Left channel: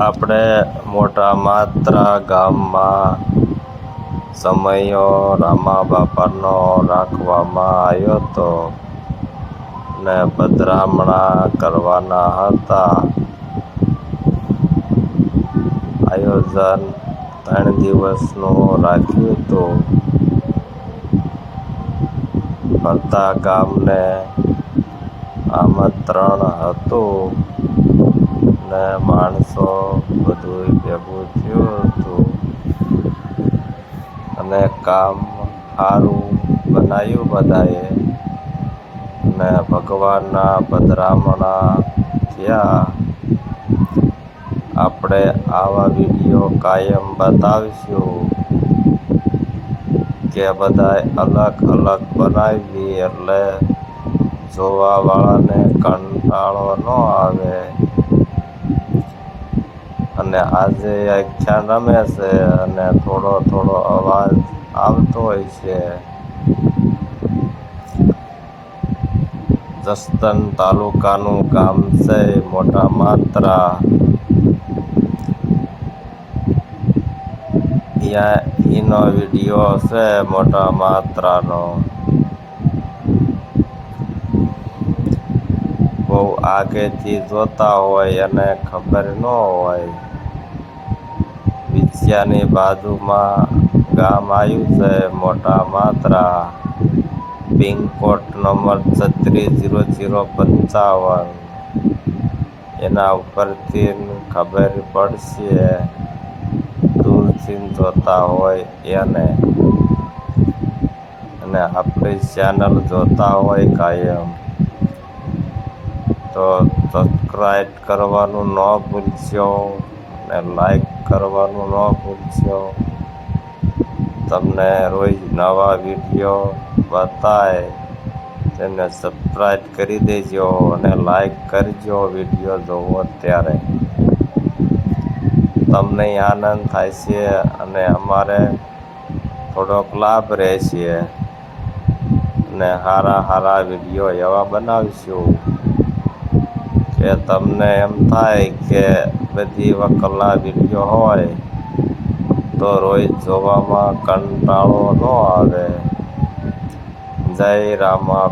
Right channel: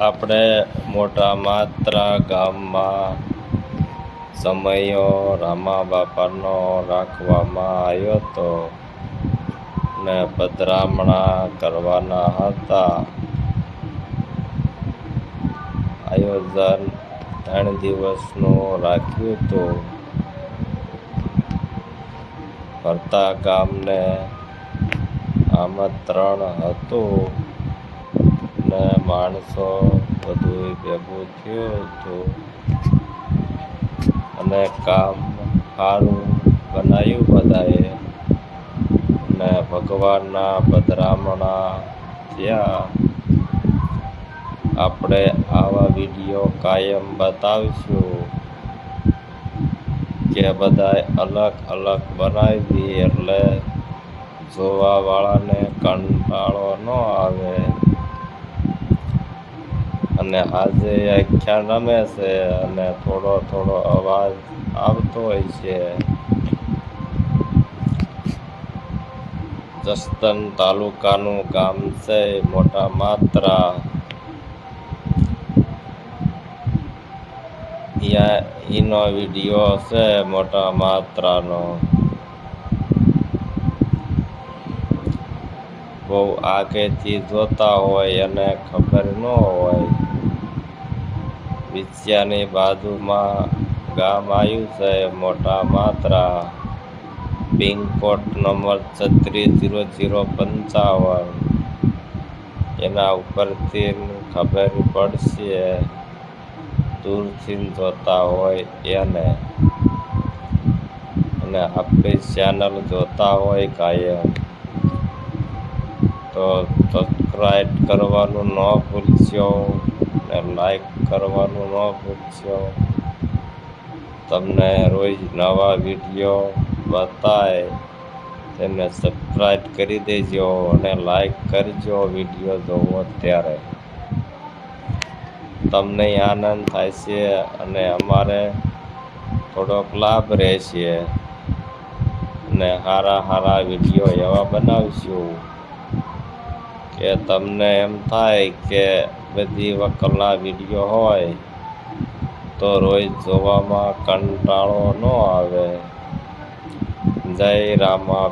આપણે મોટા માત્રા ગામમાં સમયો રામા બાપાનો રાખવામાં આવ્યો હતો ને પધરામણા કરવાના હતા. આયોજન ત્રણ દિવસનું રાખ્યું હતું. ફરતા ગામને આમંત્રણ હતું. માણસો બધું ભેગું થયું હતું. અને કામ સારું બનાવ્યું બધાએ. અને ભગવાનના પધરામણા થયા. આપણે આવા વીડિયો કાયમ બતાવીશું કે બધાએ અલગ અલગ બનાવી એટલે જોવાવાળાને કંટાળો ન આવે. અને આજે આખ્યાન રમે છે અને થોડો થોડો અવાજ આવતો હોય છે. જસદન તાલુકાનું ગામ છે, મોટા માત્રા. અહીંયા એનો વીડિયો છે મોટા માત્રાનો. બહુ આગેથી જોતા હોય અને ખબર ન હોય. વિદ્યાની બાજુમાં ગામ આવ્યું છે, મોટા માત્રા. પિનકોડ નંબર છત્રીસ, જીરો જીરો, પંચાવન. એના ઉપરથી ખબર પડશે. દૂરથી જોતા હોય એને. અને આપણી ચેનલ જોતા હોય કાયમ. તો સબસ્ક્રાઈબ કરવાનું ન ભૂલશો અને લાઈક કરવાનું ન ભૂલશો. તમને રોજ નવા વીડિયો બતાય તેને સબસ્ક્રાઈબ કરી દેજો અને લાઈક કરજો વીડિયો જોવો ત્યારે. તમને આનંદ થાય છે અને અમારે થોડોક લાભ રહેશે. અને સારા સારા વીડિયો એવા બનાવીશું. કે તમને એમ થાય કે બધી વકલના વીડિયો હોય, તો રોજ જોવામાં કંટાળો ન આવે. જય રામા